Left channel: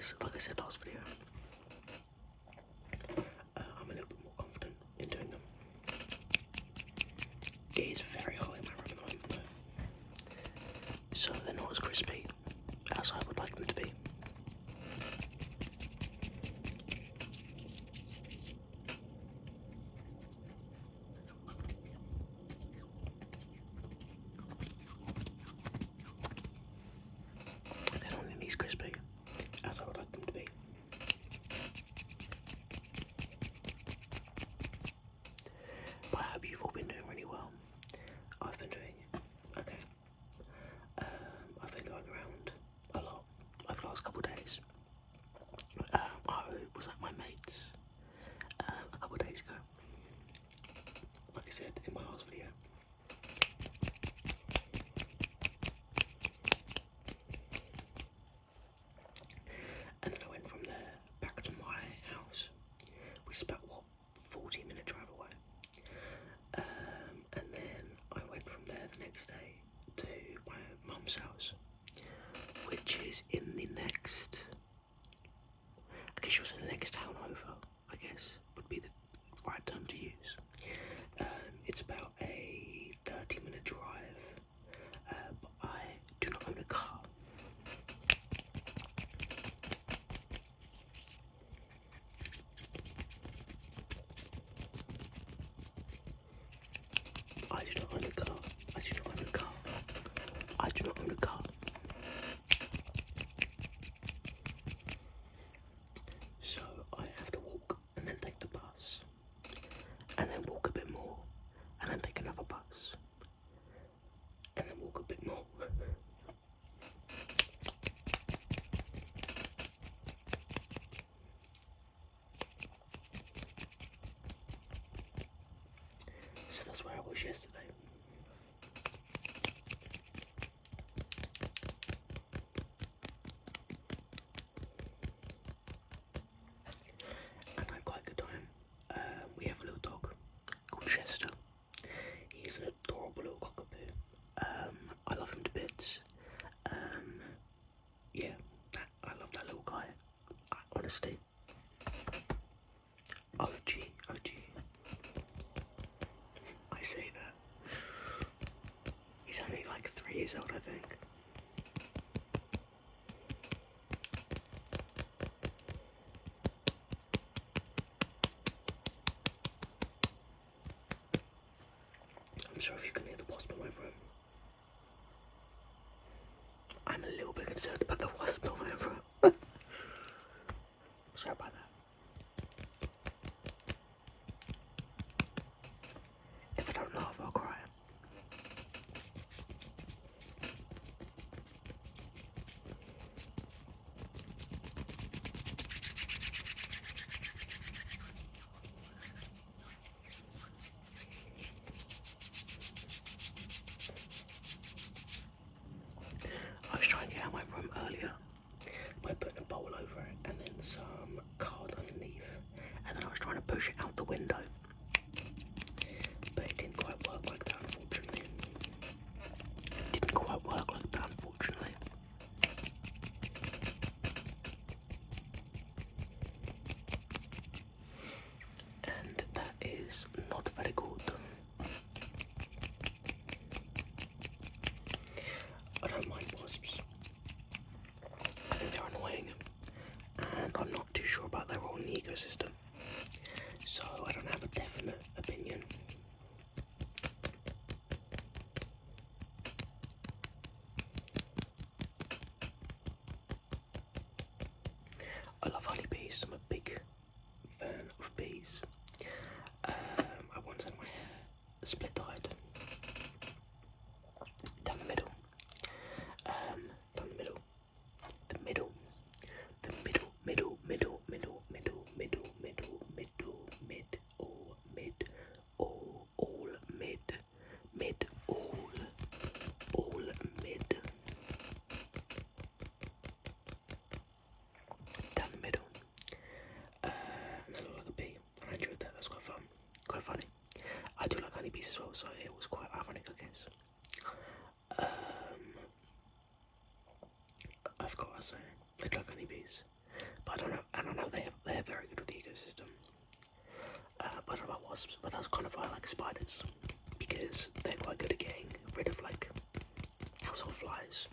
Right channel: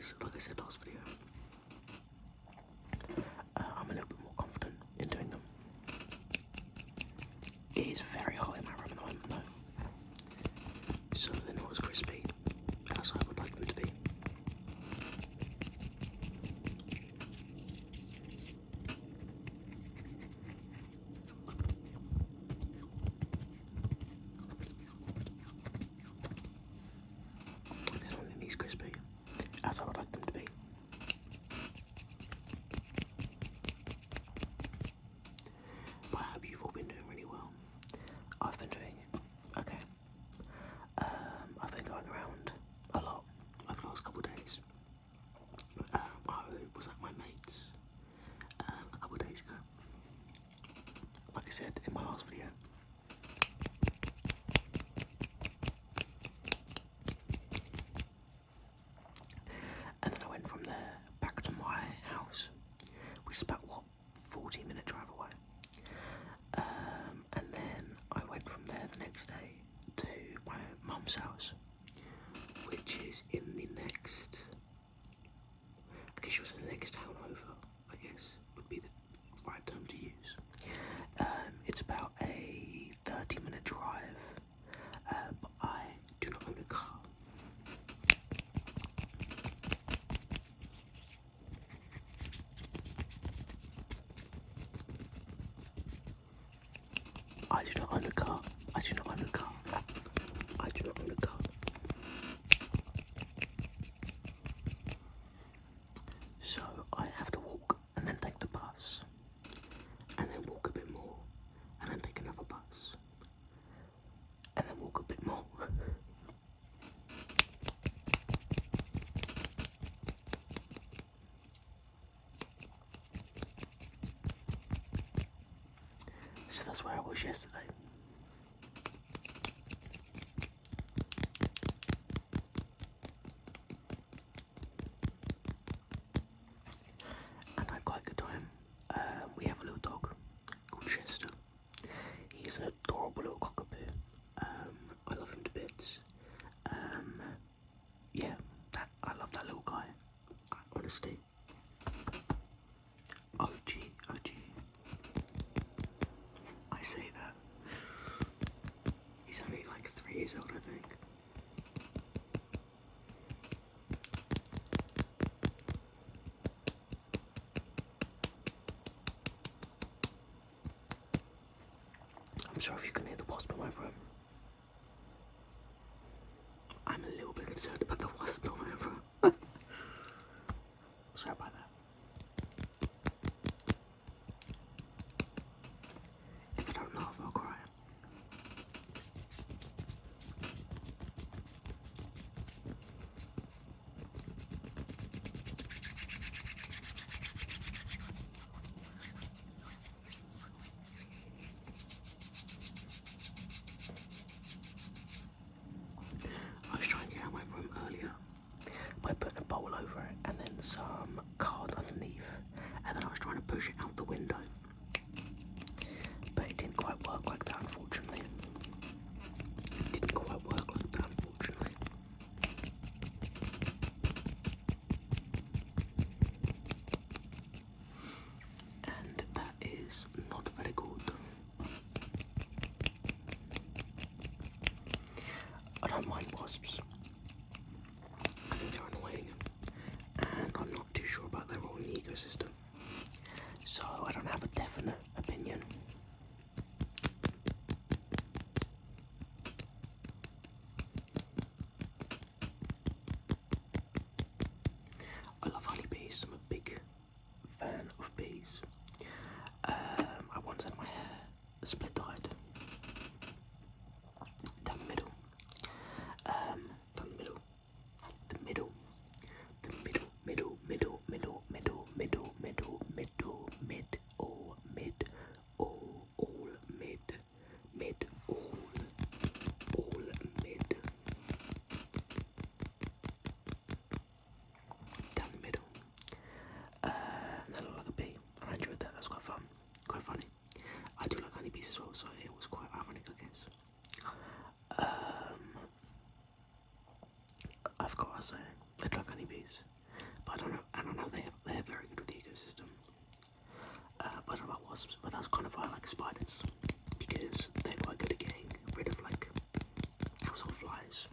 because, like I said last video, I'm a little bit more confident in doing them. It is very hot in my room at the moment though, so they're not as crispy as I would like them to be. They're not nearly as crispy as I would like them to be. But I hope you've all been doing really well. I've been doing okay. I've been going around a lot over the last couple of days. I was at my mate's a couple of days ago. Like I said in my last video. And then I went from there back to my house, which is about, what, 40-minute drive away. And then I went from there the next day to my mum's house, which is in the next, I guess it was in the next town over, I guess, would be the right term to use. It's about a 30-minute drive, but I do not own a car. I do not own a car. I do not own a car. I do not own a car. So I have to walk and then take the bus, and then walk a bit more, and then take another bus, and then walk a bit more. So that's where I was yesterday. And I had quite a good time. We have a little dog called Chester. He's an adorable little cockapoo. I love him to bits. Yeah, I love that little guy. Honestly. OG. I say that. He's only like 3 years old, I think. I'm sorry if you can hear the wasp in my room. I'm a little bit concerned about the wasp in my room. Sorry about that. If I don't laugh, I'll cry. I was trying to get out of my room earlier by putting a bowl over it and then some card underneath, and then I was trying to push it out the window, but it didn't quite work like that, unfortunately. It didn't quite work like that, unfortunately. And that is not very good. I don't mind wasps. I think they're annoying, and I'm not too sure about their role in the ecosystem, so I don't have a definite opinion. I love honeybees. I'm a big fan of bees. I once had my hair split dyed down the middle. Down the middle. The middle. The middle, middle, middle, middle, middle, middle, middle, middle, mid, all, mid, all mid, mid, all mid. Down the middle. And then I look like a bee. I enjoyed that. That's quite fun. Quite funny. I do like honeybees as well, so it was quite ironic, I guess. I've got to say, I like honeybees. But I don't know they're very good with the ecosystem. But I don't know about wasps, but that's kind of why I like spiders, because they're quite good at getting rid of like household flies.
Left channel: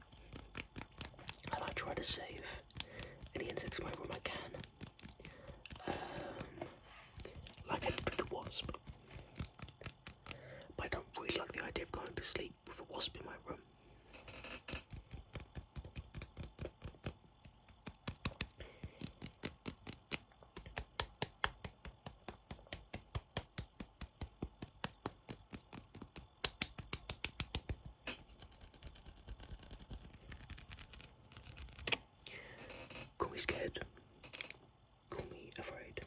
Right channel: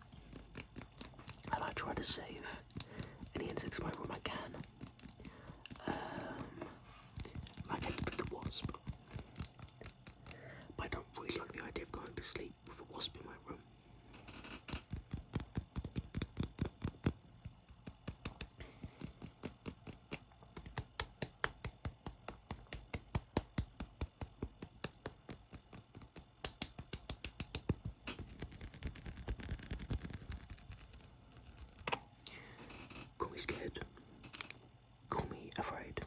And I try to save any insects wherever I can, like I did with the wasp. But I don't really like the idea of going to sleep with a wasp in my room. Call me scared, call me afraid,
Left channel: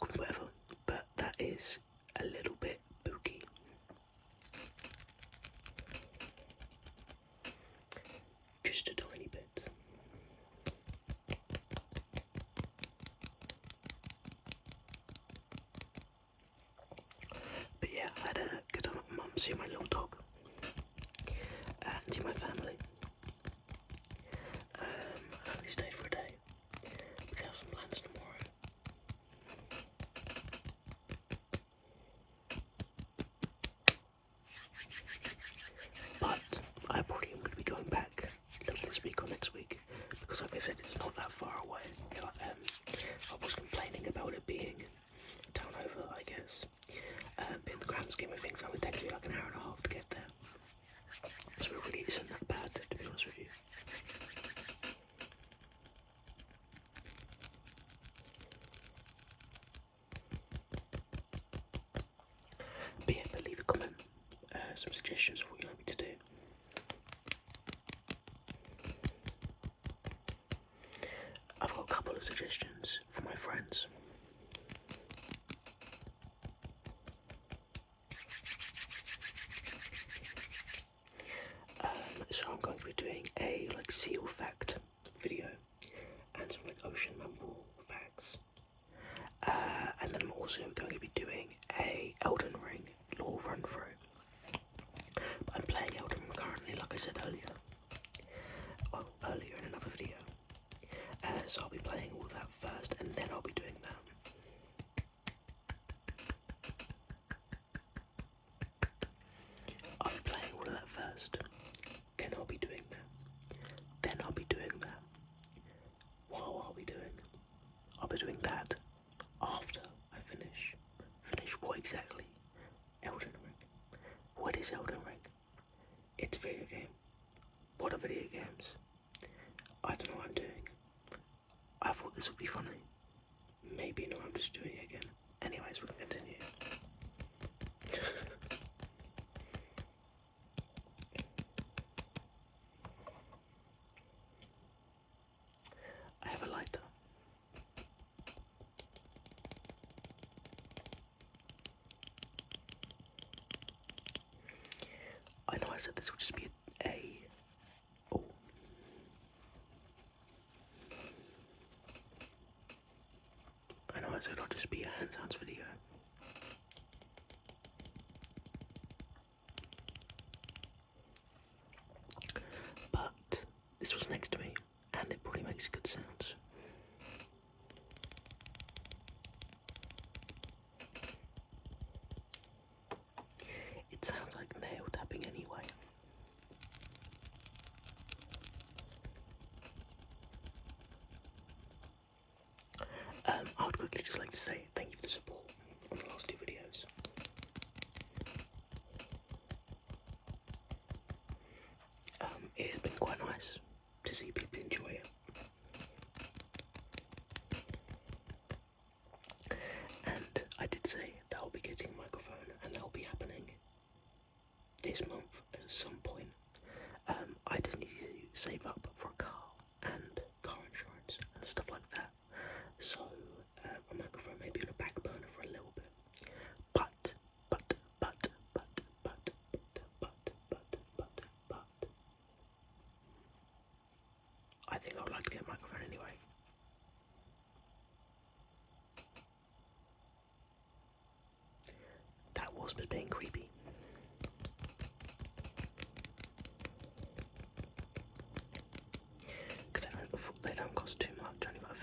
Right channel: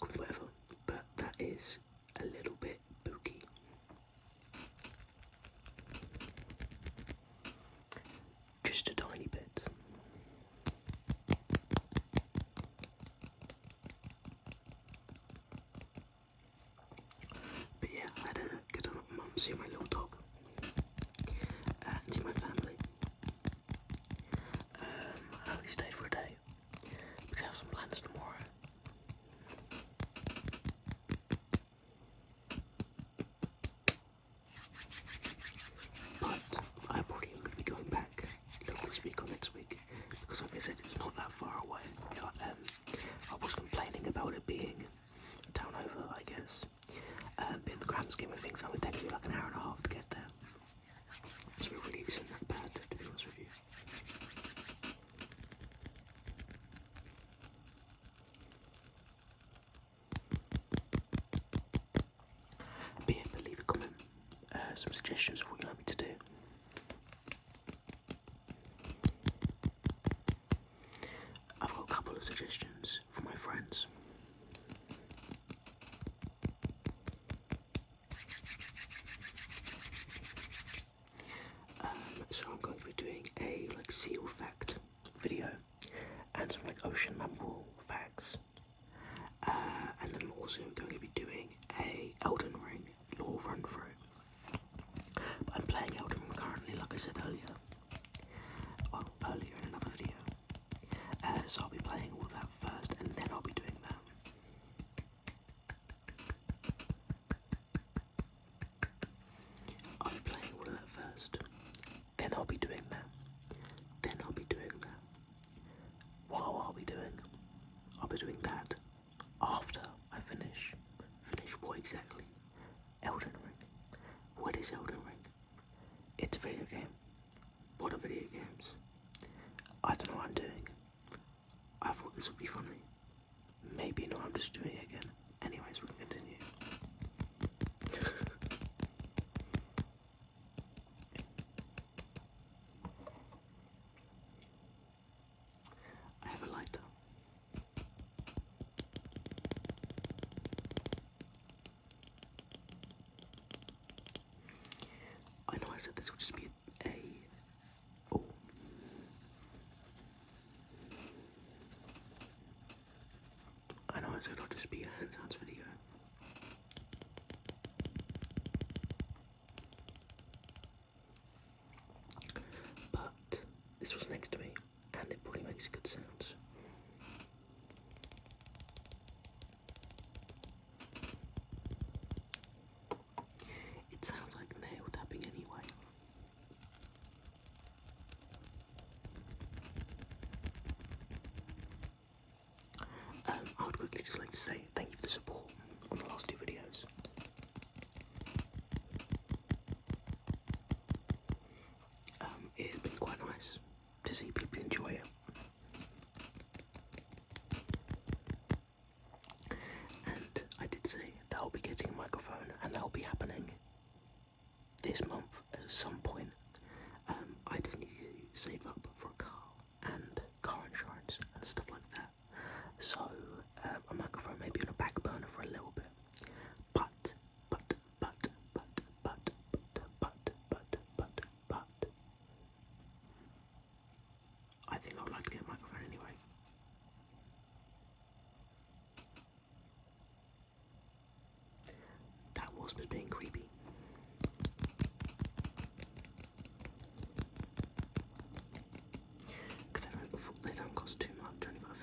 call me whatever, but that is a little bit spooky. Just a tiny bit. But yeah, I had a good time with my mum, seeing my little dog, and seeing my family. I only stayed for a day because I have some plans tomorrow. But I probably am going to be going back later this week or next week, because like I said, it's not that far away. I was complaining about it being a town over, I guess. But in the grand scheme of things, it would take me like an hour and a half to get there. So it really isn't that bad, to be honest with you. But yeah, but leave a comment, some suggestions of what you'd like me to do. I've got a couple of suggestions from my friends. So I'm going to be doing a like seal fact video and some like ocean mammal facts. And then I'm also going to be doing a Elden Ring lore run through. But I'm playing Elden Ring currently, like I said earlier. Well, earlier in another video. So I'll be playing all of that first, and then I'll be doing that. I'll be playing all of that first, then I'll be doing that. Then I'll be doing that. What I'll be doing? I'll be doing that after I finish. Finish what exactly? Elden Ring. What is Elden Ring? It's a video game. What are video games? I don't know what I'm doing. I thought this would be funny. Maybe not, I'm just doing it again. Anyways, we can continue. I have a lighter. I know I said this would just be I know I said it'll just be a hand sounds video. But this was next to me, and it probably makes good sounds. It sounds like nail tapping anyway. I would quickly just like to say thank you for the support on the last two videos. It has been quite nice to see people enjoy it. And I did say that I'll be getting a microphone, and that'll be happening this month at some point. I just need to save up for a car and car insurance and stuff like that. So a microphone may be on a back burner for a little bit. But I think I would like to get a microphone anyway. That wasp is being creepy. Because they don't cost too much, only about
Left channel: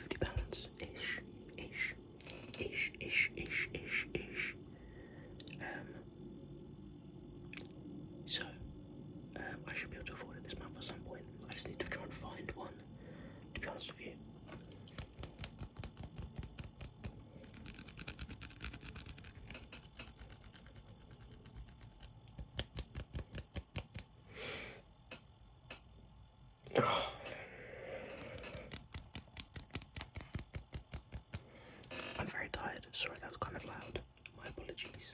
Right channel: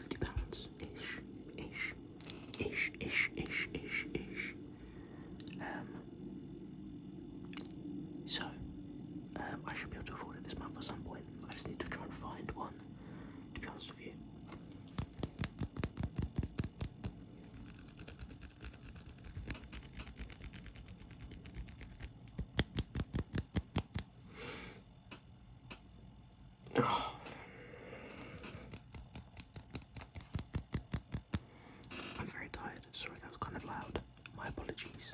Sorry, that was kind of loud. My apologies.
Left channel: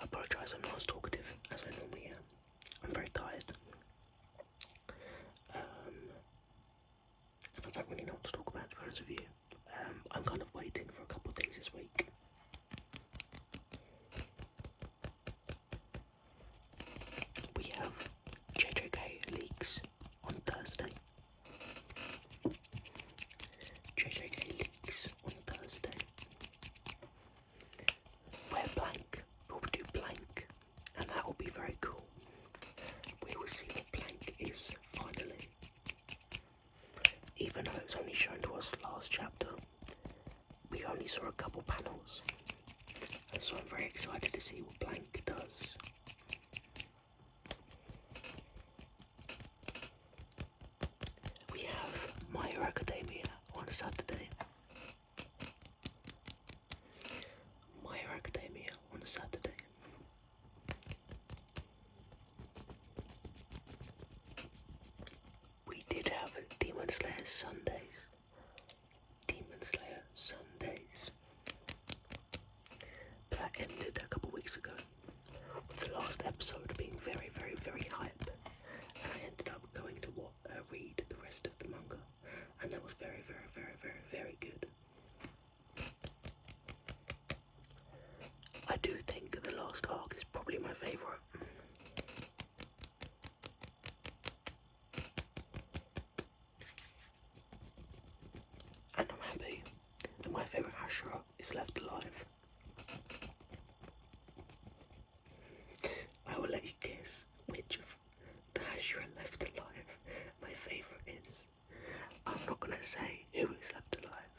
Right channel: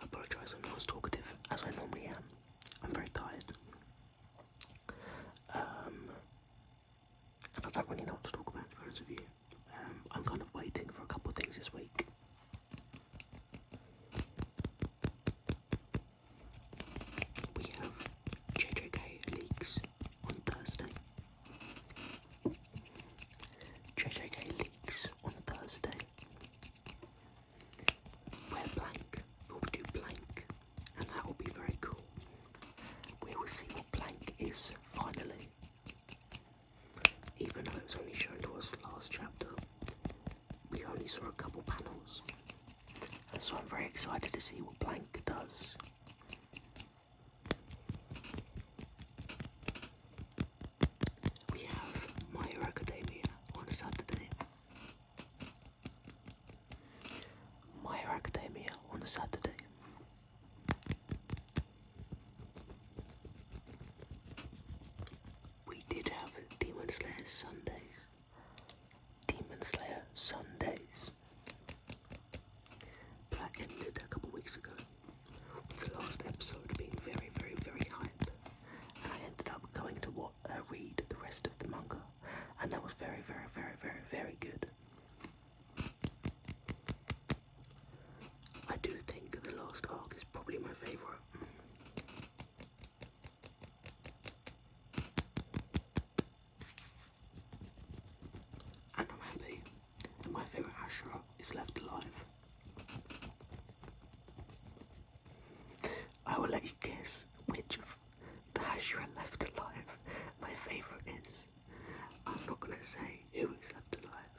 I apologise, I'm not as talkative as I normally am. I'm very tired. And I don't really know what to talk about, to be honest with you. I'm kind of waiting for a couple of things this week. We have JJK leaks on Thursday. JJK leaks on Thursday. We're blank. We'll do blank. And that will be very cool. We will see what blank is finally. Even though it was only shown to us last chapter, we only saw a couple panels. And so I'm very excited to see what blank does. We have My Hero Academia on Saturday. My Hero Academia on Saturday. We did have Demon Slayer Sundays. Demon Slayer Sundays. But that ended a couple weeks ago, with the last episode being very, very, very hype. And I ended up going to read the rest of the manga, and that was very, very, very, very, very good. I do think the last arc is probably my favourite. And I'm happy that my favourite Hashira is left alive. I will let you guess which of the Hashira left alive my favourite is. I'm not going to say who is left alive,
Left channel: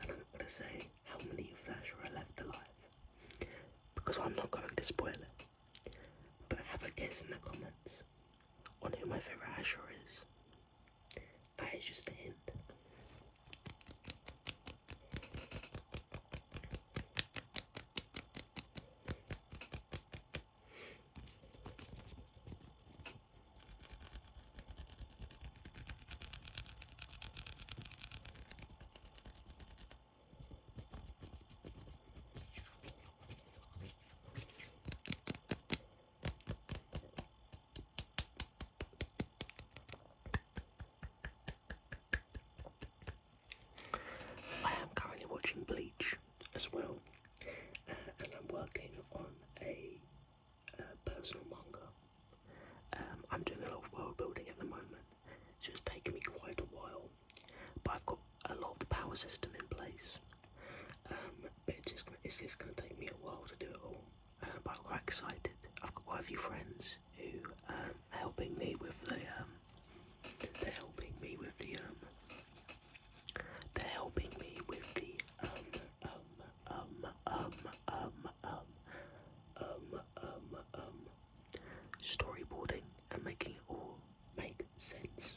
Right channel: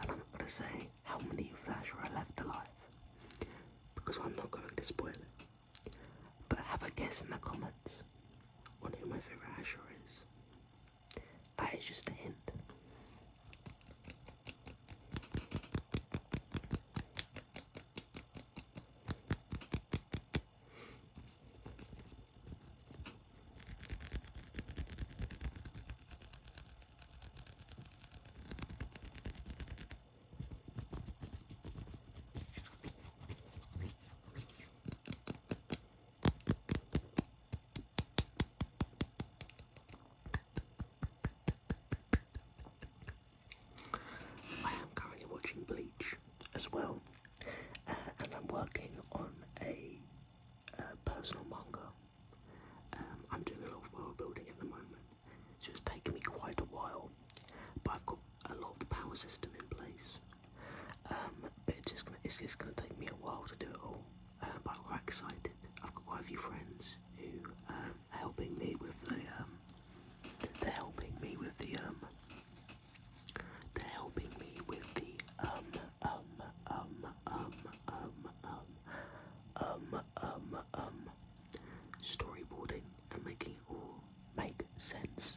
and I'm not going to say how many of the Hashira are left alive, because I'm not going to spoil it. But have a guess in the comments on who my favourite Hashira is. That is just a hint. I am currently watching Bleach as well, and I'm working on a personal manga. I'm doing a lot of world building at the moment, so it's taken me quite a while, but I've got a lot of the power system in place. But it's just gonna take me a while to do it all. But I'm quite excited. I've got quite a few friends who are helping me with the they're helping me with the storyboarding and making it all make sense.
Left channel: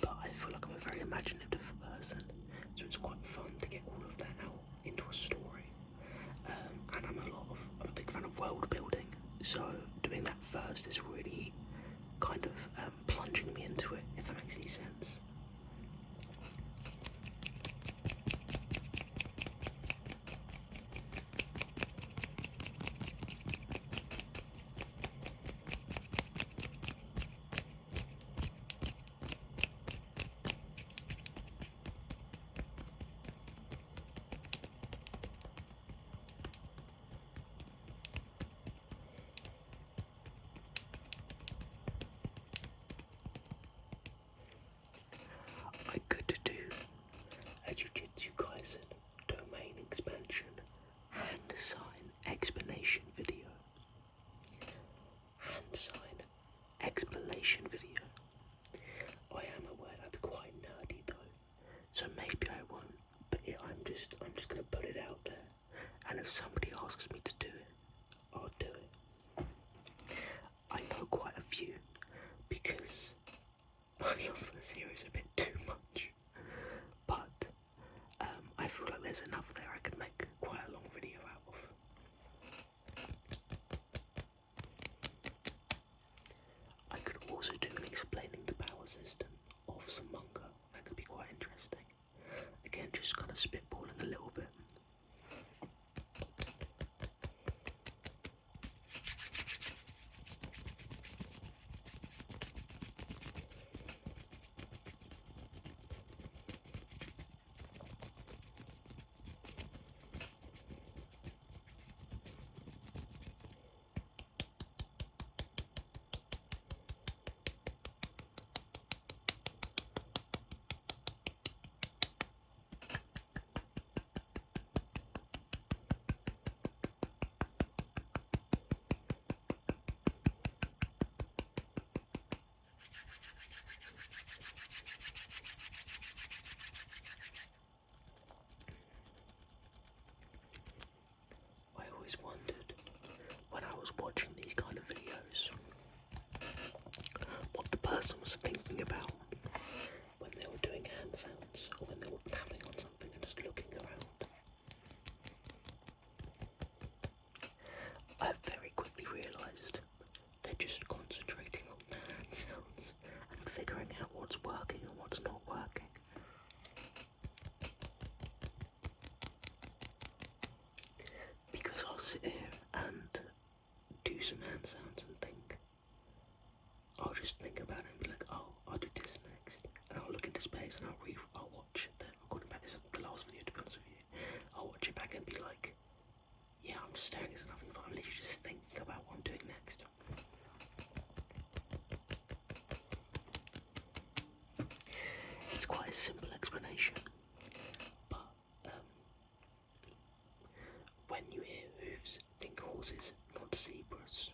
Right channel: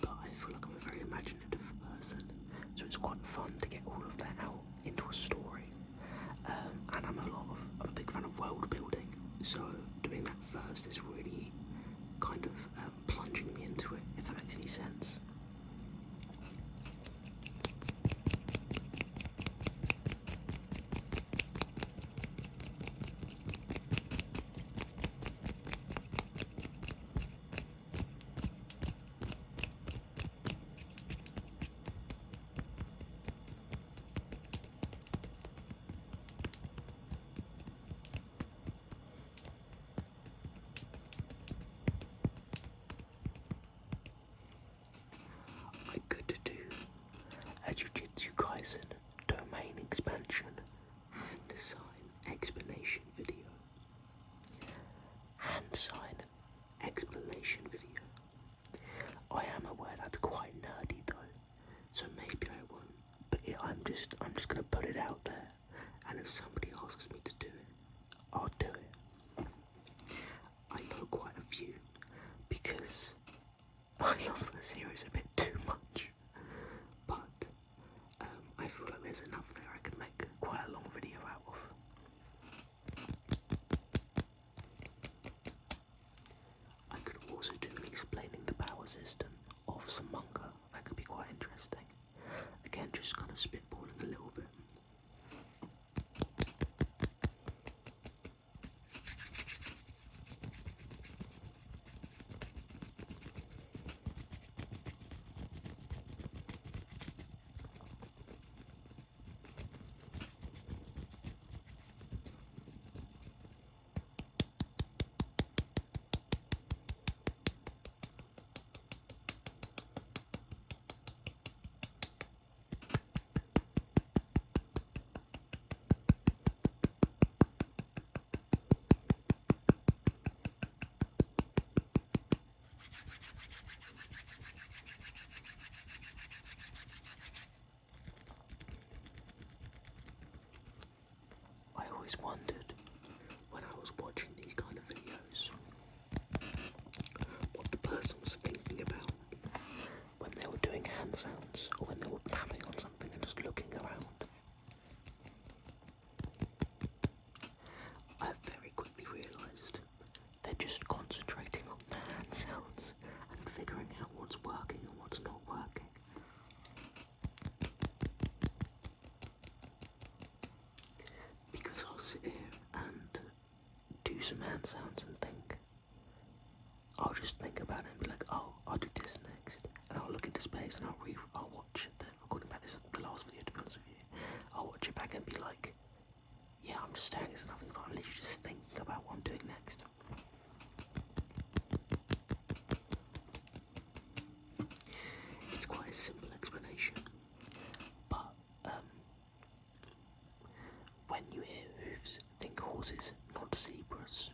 But I feel like I'm a very imaginative person, so it's quite fun to get all of that out into a story. And I'm a big fan of world building, so doing that first is really kind of plunging me into it, if that makes any sense. I love the series a bit too much, but I feel like there's enough there I could make quite a long video out of. I could also do an explaining the power system of some manga. That could be quite interesting. Again, just kind of spitballing a little bit. I always wondered when I was watching these kind of videos what the person was thinking about when they were doing hand sounds or when they were tapping on something and just looking around. I very quickly realised they're just concentrating on the hand sounds and figuring out what's working and what's not working. Because I'll sit here and do some hand sounds and think, I'll just think about it and be like, oh, I'll do this next, and I'll look into space and I'll watch the recording back. This is the last video, to be honest with you. I'll watch it back and be like, yeah, I'm just staring at nothing, but I'm literally just thinking about what I'm doing next. It's quite a simple explanation, but when you hear hooves, think horses, not zebras.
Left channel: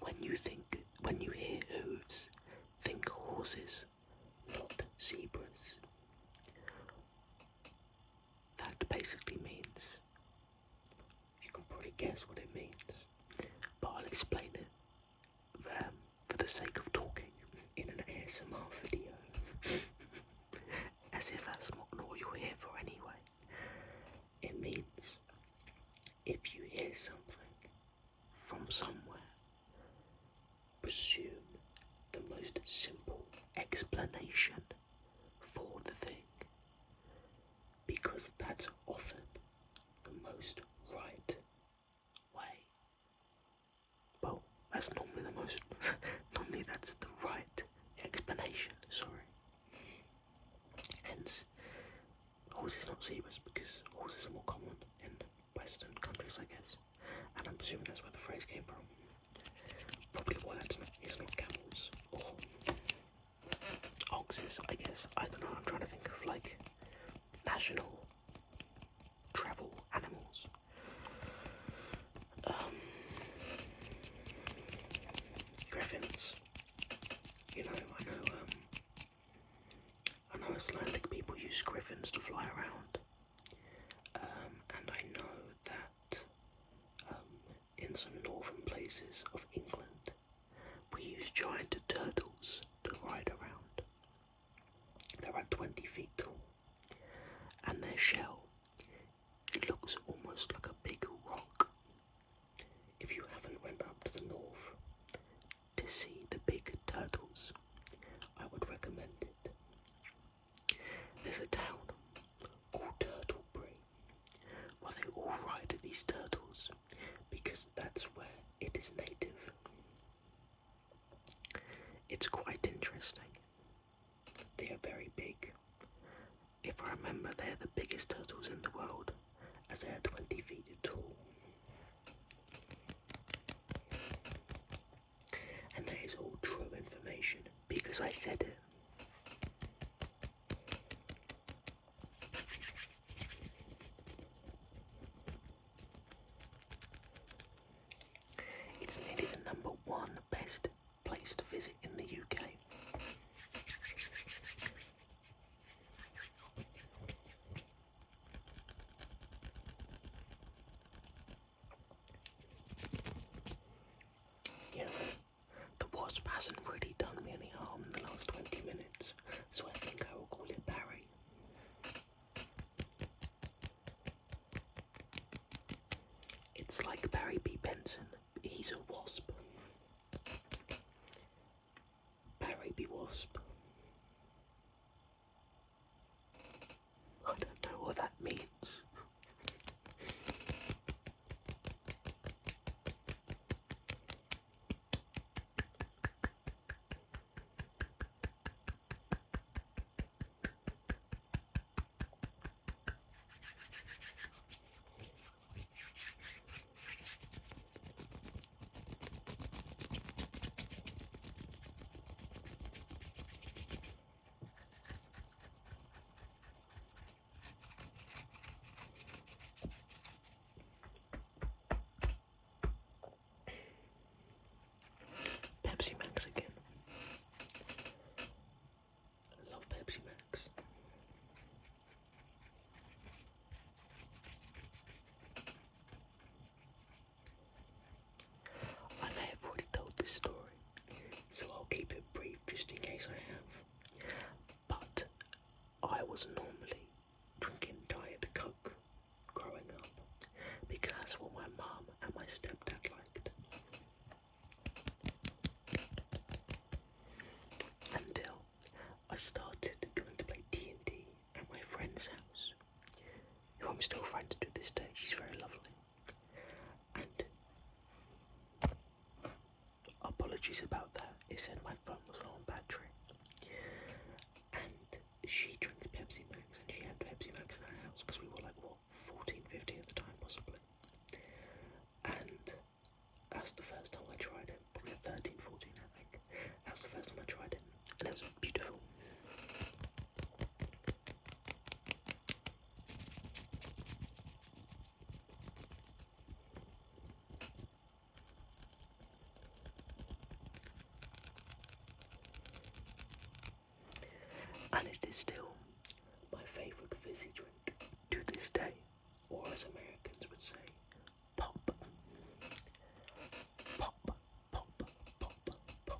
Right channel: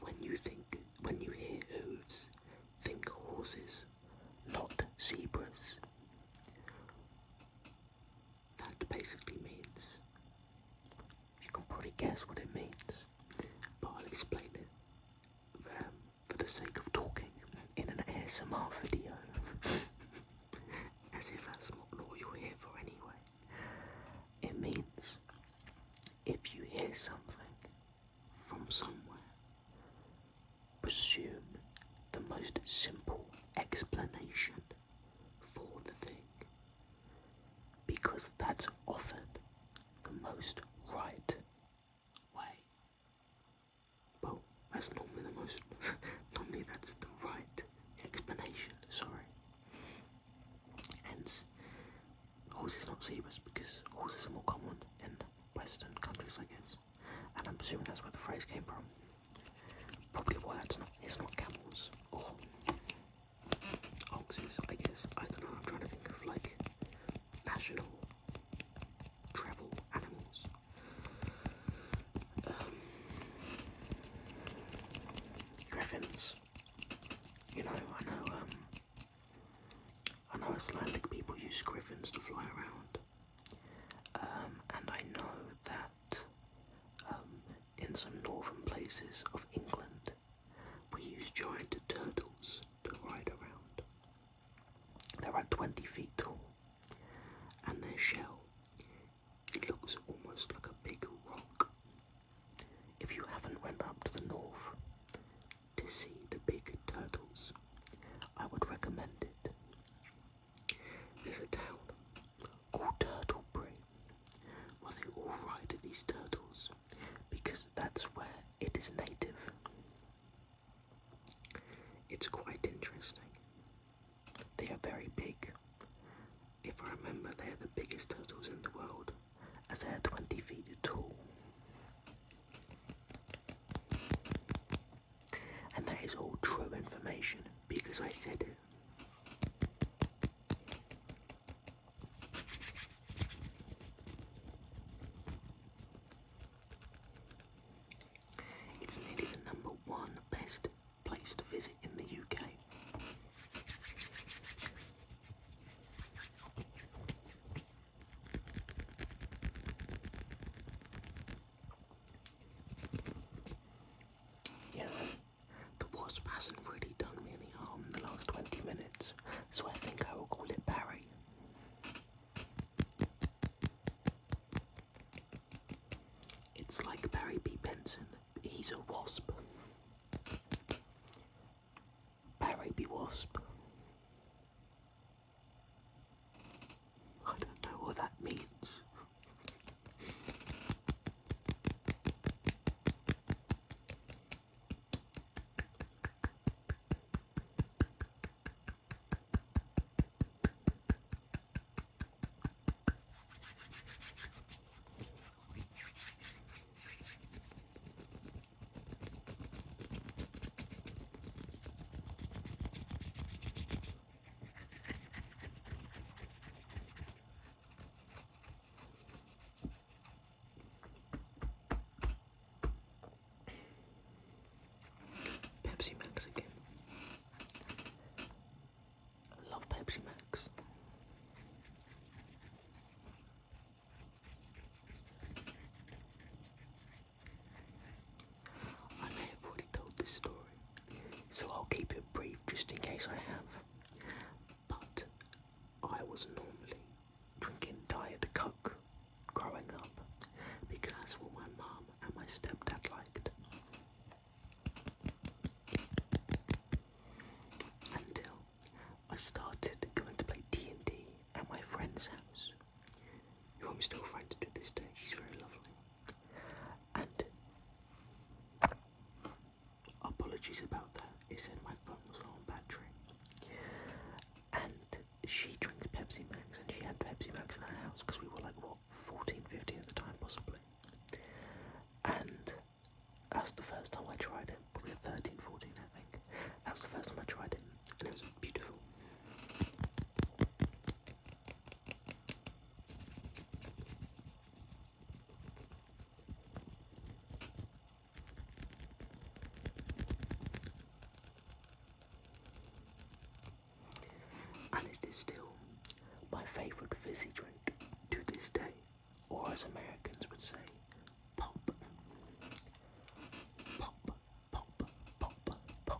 When you hear hooves, think horses, not zebras. That basically means, you can probably guess what it means, but I'll explain it for the sake of talking in an ASMR video, as if that's not what you're here for anyway. It means, if you hear something from somewhere, presume the most simple explanation for the thing, because that's often the most right way. Well, that's normally normally that's the right explanation, sorry. Hence, horses not zebras, because horses are more common in Western countries, I guess. And I'm presuming that's where the phrase came from. Probably why it's not camels or oxes, I guess. I don't know, I'm trying to think of like national travel animals. Griffins. You know, I know Icelandic people use griffins to fly around. And I know that in some northern places of England, we use giant turtles to ride around. They're about 20 feet tall, and their shell, it looks almost like a big rock. If you haven't went up to the north to see the big turtles, I would recommend it. There's a town called Turtlesbry where they all ride these turtles because that's where it is native. It's quite interesting. They are very big. If I remember, they're the biggest turtles in the world, as they are 20 feet tall. And that is all true information, because I said it. It's nearly the #1 best place to visit in the UK. You know, the wasp hasn't really done me any harm in the last 20 It's like Barry B. Benson. He's a wasp. Barry B. Wasp. I don't know what that means. Pepsi Max again. I love Pepsi Max. I may have already told this story, so I'll keep it brief just in case I have. But I was normally drinking Diet Coke growing up because that's what my mum and my stepdad liked. Until I started going to play D&D at my friend's house, who I'm still friends to this day. She's very lovely. And apologies about that. It said my phone was low on battery. And she drinks Pepsi Max, and she had Pepsi Max in her house because we were like, what, 14, 15 at the time, possibly. And that's the first time I tried it. Probably at 13, 14, I think. That's the first time I tried it, and it was beautiful. And it is still my favourite fizzy drink to this day, or as Americans would say, pop. Pop, pop, pop, pop, pop, pop,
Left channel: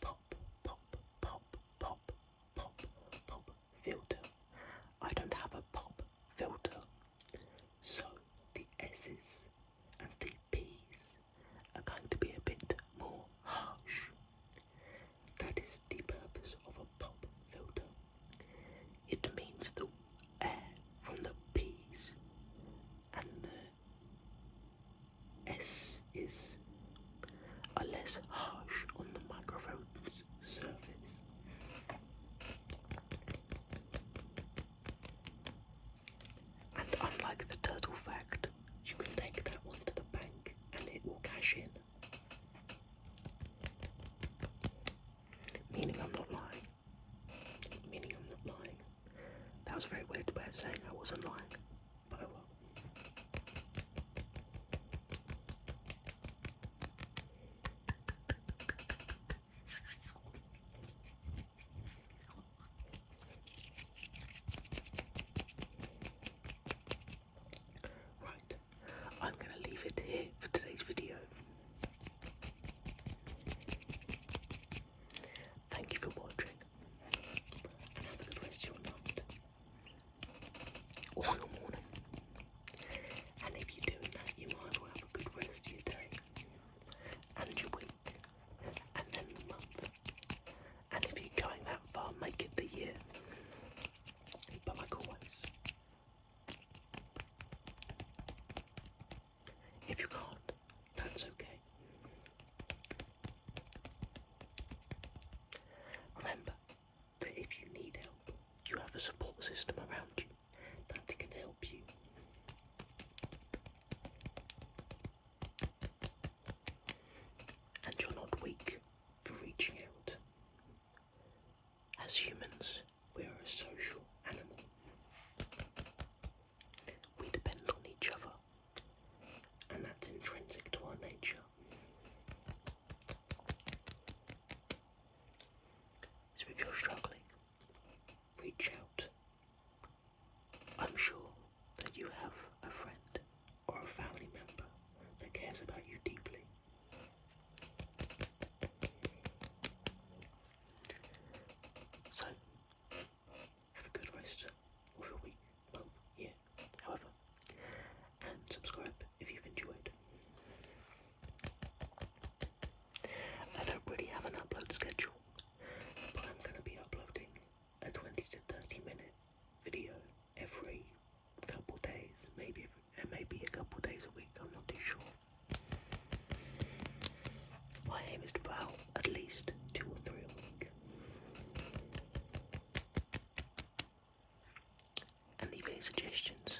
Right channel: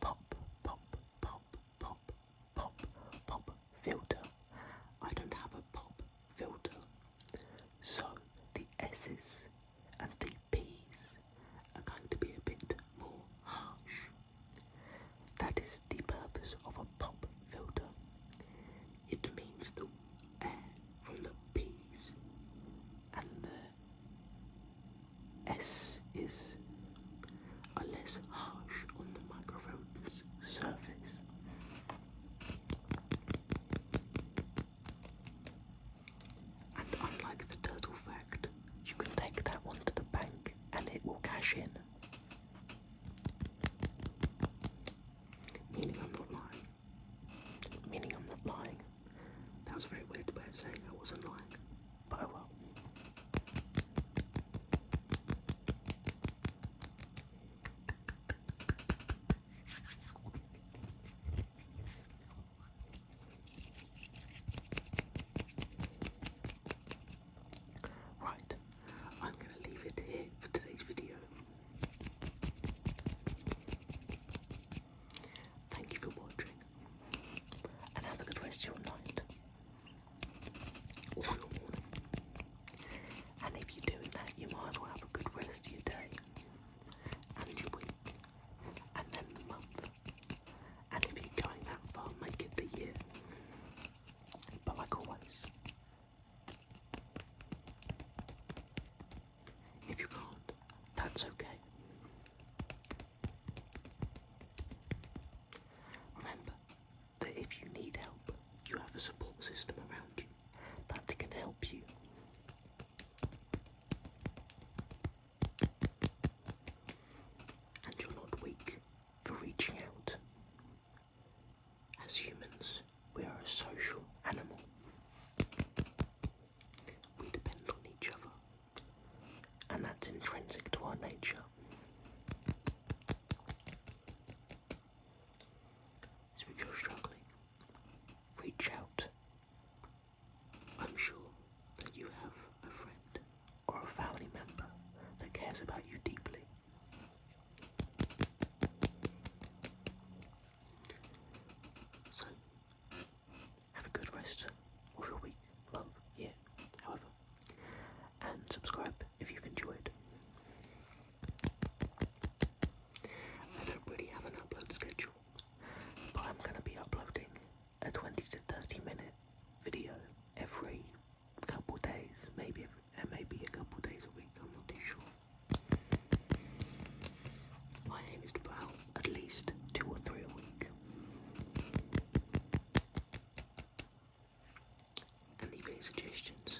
pop, pop, pop, pop filter. I don't have a pop filter, so the S's and the P's are going to be a bit more harsh. That is the purpose of a pop filter. It means the air from the P's and the schedule, but I'm going to be uploading a 20 to 30 minute video every couple days, maybe a couple days a week, I'm not too sure. My aim is to put out at least 2 or 3 a week. And leave any suggestions